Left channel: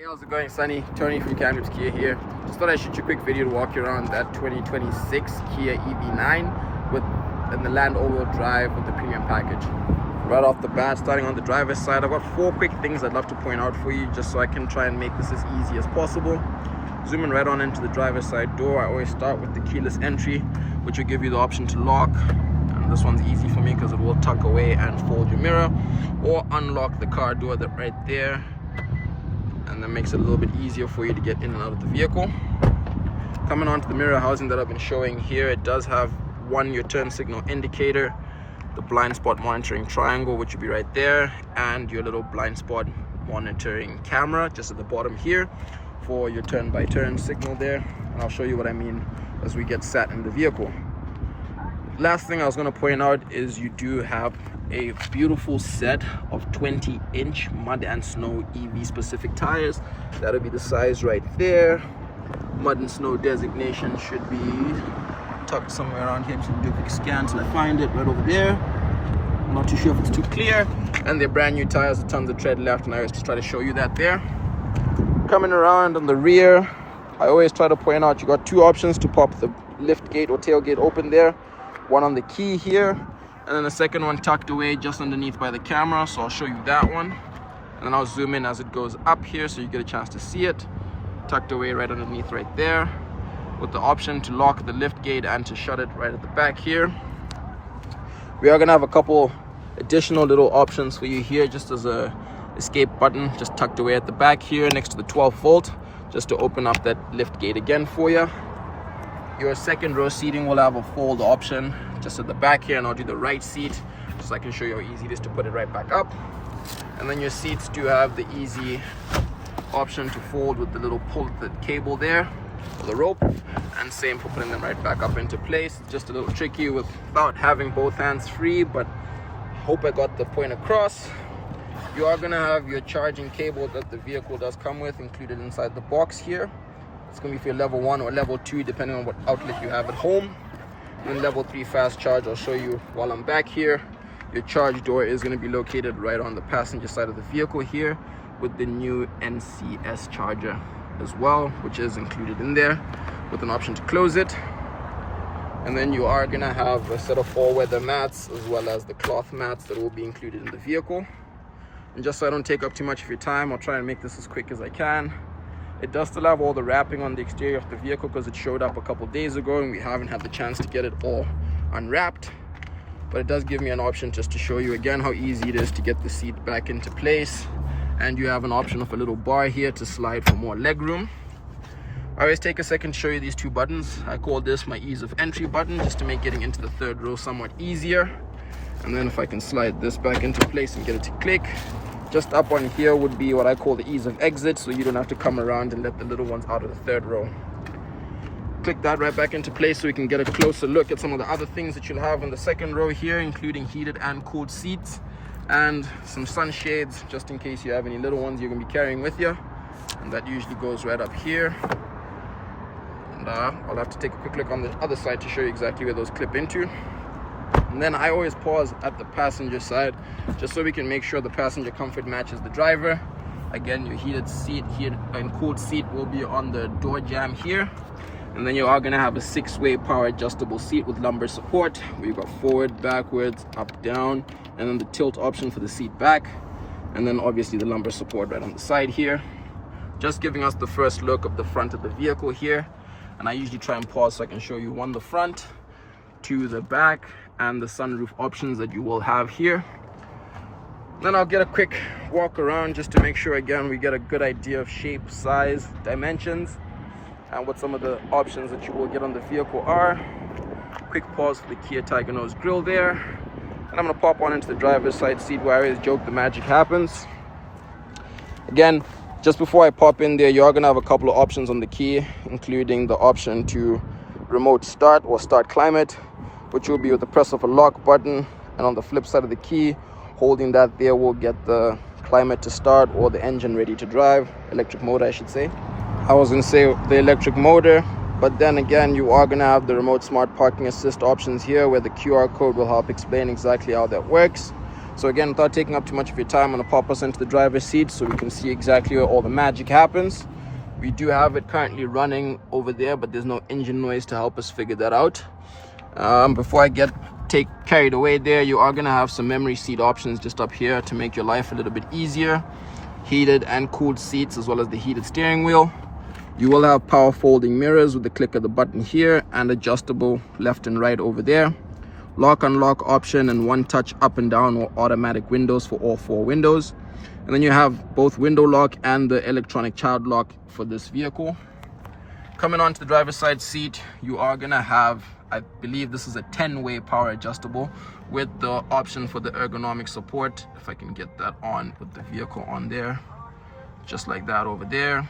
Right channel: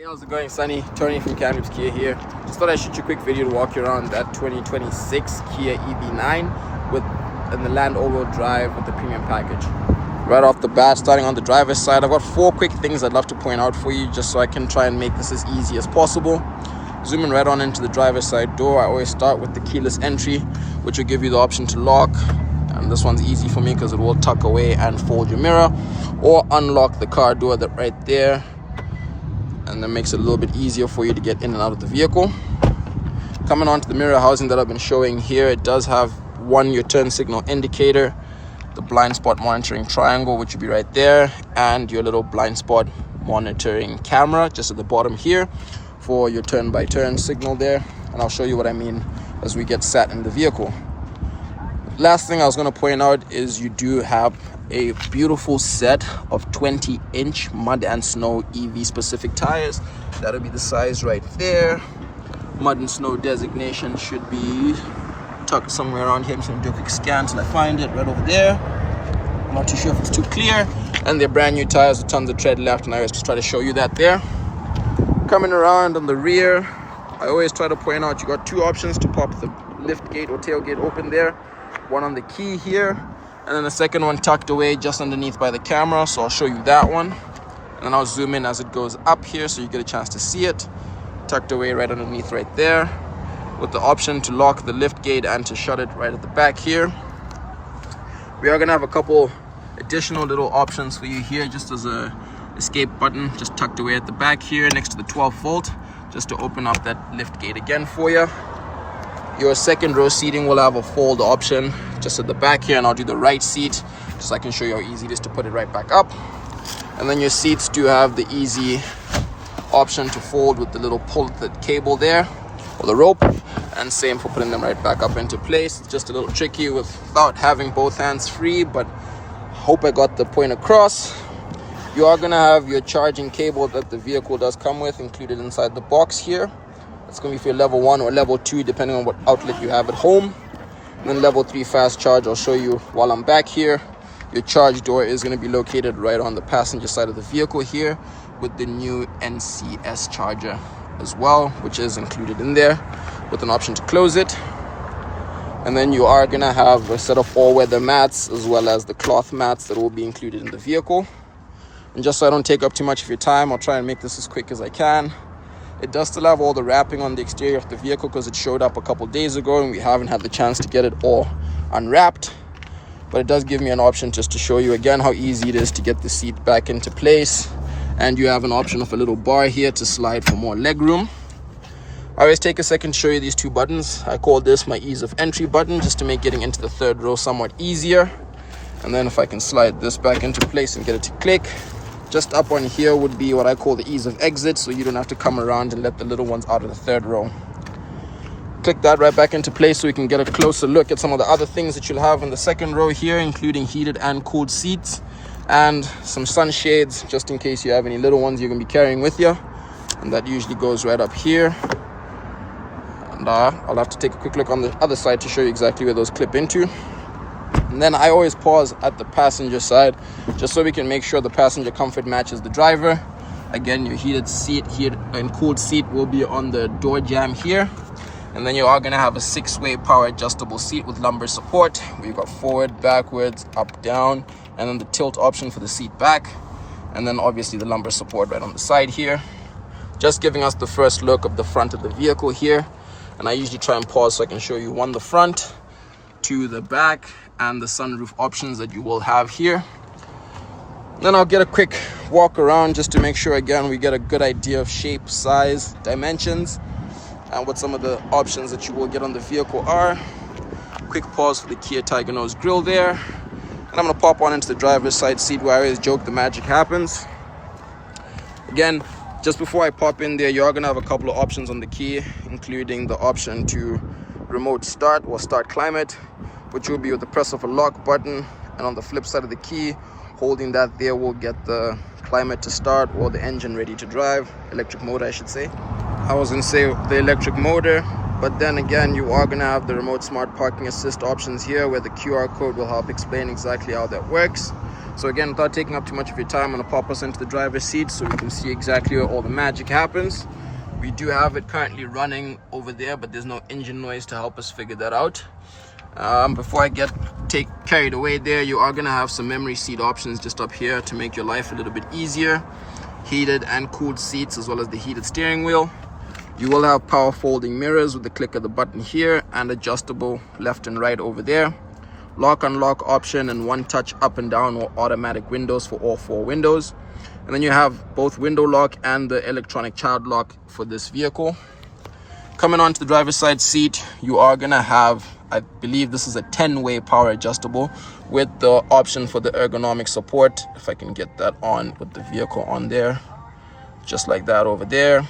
Hey, how's it going, Sunny? Tony from Kia here. Just thought I'd shoot you a quick video to walk you around that 2026 Kia EV9 in the Land all-wheel drive with the premium package. Right off the bat, starting on the driver's side, I've got 4 quick things I'd love to point out for you just so I can try and make this as easy as possible. Zooming right on into the driver's side door, I always start with the keyless entry, which will give you the option to lock. And this one's easy for me because it will tuck away and fold your mirror, or unlock the car door that right there. And that makes it a little bit easier for you to get in and out of the vehicle. Coming on to the mirror housing that I've been showing here, it does have your turn signal indicator, the blind spot monitoring triangle, which will be right there, and your little blind spot monitoring camera just at the bottom here for your turn by turn signal there. And I'll show you what I mean as we get sat in the vehicle. Last thing I was going to point out is you do have a beautiful set of 20-inch mud and snow EV specific tires. That'll be the size right there. Mud and snow designation should be tucked somewhere around here. I'm just gonna do a quick scan till I find it. Right over there. I'm not too sure if it's too clear. And they're brand new tires with tons of tread left, and I always just try to show you that there. Coming around on the rear, I always try to point out you got 2 options to pop the lift gate or tailgate open there. One on the key here, and then the second one tucked away just underneath by the camera, so I'll show you that one. And then I'll zoom in as it goes up here so you get a chance to see it. Tucked away right underneath right there, with the option to lock the lift gate and to shut it right at the back here. We are gonna have a couple additional little options for you here, just as a escape button just tucked away at the back here next to the 12 volt, just to open up that lift gate again for you. Your second row seating will have a fold option just at the back here, and I'll do the right seat just so I can show you how easy it is to put it right back up. And then your seats do have the easy option to fold with the little quilted cable there, or the rope, and same for putting them right back up into place. It's just a little tricky without having both hands free, but hope I got the point across. You are gonna have your charging cable that the vehicle does come with included inside the box here. It's going to be for your level 1 or level 2 depending on what outlet you have at home. And then level 3 fast charge I'll show you while I'm back here. Your charge door is going to be located right on the passenger side of the vehicle here, with the new NCS charger as well, which is included in there with an option to close it. And then you are going to have a set of all-weather mats as well as the cloth mats that will be included in the vehicle. And just so I don't take up too much of your time, I'll try and make this as quick as I can. It does still have all the wrapping on the exterior of the vehicle because it showed up a couple days ago and we haven't had the chance to get it all unwrapped. But it does give me an option just to show you again how easy it is to get the seat back into place. And you have an option of a little bar here to slide for more leg room. I always take a second to show you these 2 buttons. I call this my ease of entry button just to make getting into the 3rd row somewhat easier. And then if I can slide this back into place and get it to click. Just up on here would be what I call the ease of exit, so you don't have to come around and let the little ones out of the 3rd row. Click that right back into place so we can get a closer look at some of the other things that you'll have in the 2nd row here, including heated and cooled seats and some sunshades just in case you have any little ones you're going to be carrying with you. And that usually goes right up here. And I'll have to take a quick look on the other side to show you exactly where those clip into. And then I always pause at the passenger side just so we can make sure the passenger comfort matches the driver. Again, your heated and cooled seat will be on the door jamb here. And then you are going to have a 6-way power adjustable seat with lumbar support, where you've got forward, backwards, up, down, and then the tilt option for the seat back. And then obviously the lumbar support right on the side here. Just giving us the first look of the front of the vehicle here. And I usually try and pause so I can show you 1, the front, 2, the back, and the sunroof options that you will have here. Then I'll get a quick walk around just to make sure again we get a good idea of shape, size, dimensions, and what some of the options that you will get on the vehicle are. Quick pause for the Kia Tiger Nose grille there. And I'm going to pop on into the driver's side seat where I always joke the magic happens. Again, just before I pop in there, you're going to have a couple of options on the key, including the option to remote start or start climate, which will be with the press of a lock button, and on the flip side of the key, holding that there will get the climate to start or the engine ready to drive, electric motor I should say. I was going to say the electric motor, but then again you are going to have the remote smart parking assist options here where the QR code will help explain exactly how that works. So again, without taking up too much of your time, I'm going to pop us into the driver's seat so we can see exactly where all the magic happens. We do have it currently running over there, but there's no engine noise to help us figure that out. Before I take carried away there, you are going to have some memory seat options just up here to make your life a little bit easier. Heated and cooled seats, as well as the heated steering wheel. You will have power folding mirrors with the click of the button here, and adjustable left and right over there. Lock unlock option and one touch up and down or automatic windows for all 4 windows. And then you have both window lock and the electronic child lock for this vehicle. Coming onto the driver's side seat, you are gonna have, I believe this is a 10-way power adjustable with the option for the ergonomic support. If I can get that on with the vehicle on there, just like that over there.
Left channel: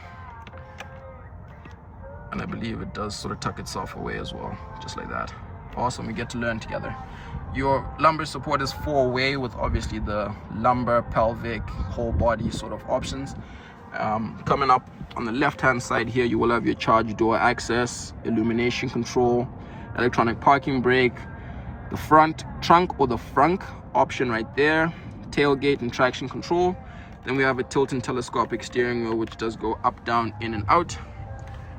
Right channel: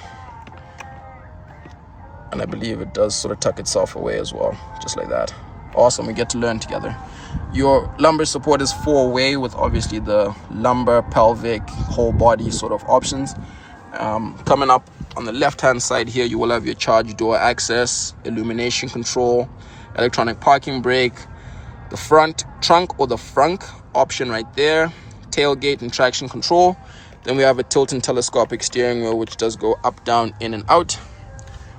And I believe it does sort of tuck itself away as well, just like that. Awesome, we get to learn together. Your lumbar support is 4-way with obviously the lumbar, pelvic, whole body sort of options. Coming up on the left hand side here, you will have your charge door access, illumination control, electronic parking brake, the front trunk or the frunk option right there, tailgate and traction control. Then we have a tilt and telescopic steering wheel, which does go up, down, in and out.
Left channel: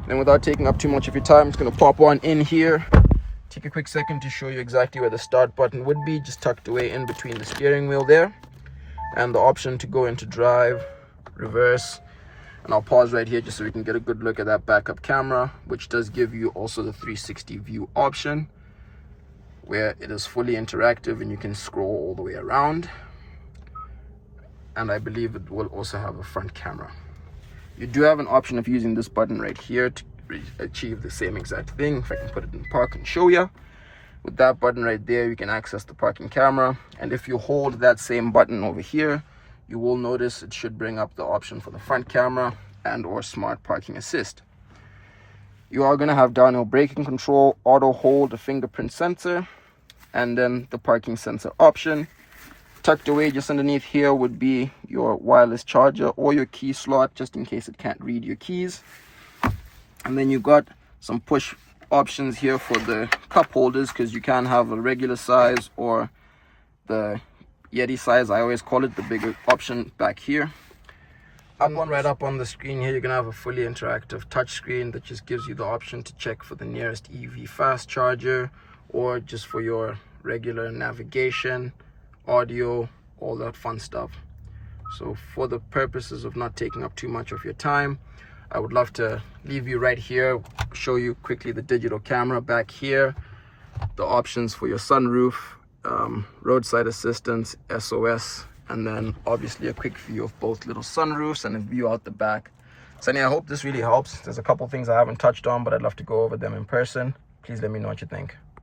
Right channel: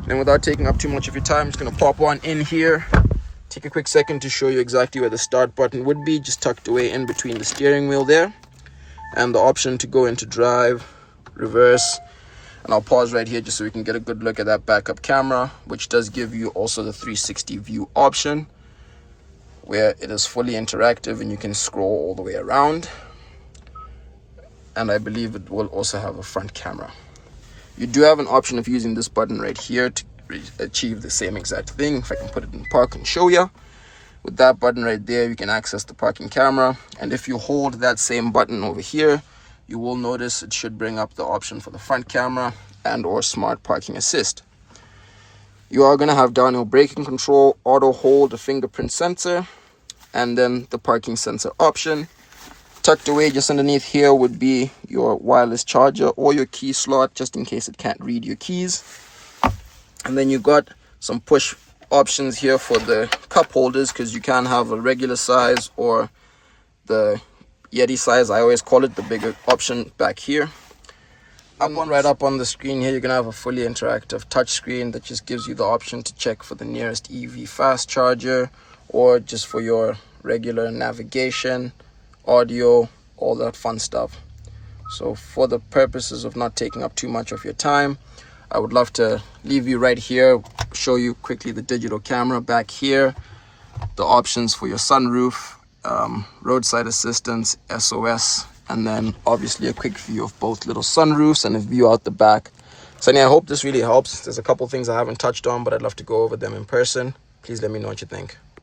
Then without taking up too much of your time, I'm just going to pop on in here. Take a quick second to show you exactly where the start button would be, just tucked away in between the steering wheel there. And the option to go into drive, reverse. And I'll pause right here just so we can get a good look at that backup camera, which does give you also the 360 view option, where it is fully interactive and you can scroll all the way around. And I believe it will also have a front camera. You do have an option of using this button right here to achieve the same exact thing. If I can put it in park and show you, with that button right there, you can access the parking camera. And if you hold that same button over here, you will notice it should bring up the option for the front camera and or smart parking assist. You are going to have downhill braking control, auto hold, a fingerprint sensor, and then the parking sensor option. Tucked away just underneath here would be your wireless charger or your key slot, just in case it can't read your keys. And then you got some push options here for the cup holders, because you can have a regular size or the Yeti size, I always call it, the bigger option back here. Right up on the screen here, you're gonna have a fully interactive touch screen that just gives you the option to check for the nearest EV fast charger, or just for your regular navigation, audio, all that fun stuff. So for the purposes of not taking up too much of your time, I would love to leave you right here, show you quickly the digital camera back here, the options for your sunroof, roadside assistance, SOS, and then obviously a quick view of both little sunroofs and a view out the back. So I hope this really helps. There's a couple things I haven't touched on, but I'd love to go over them in person. Please let me know what you think.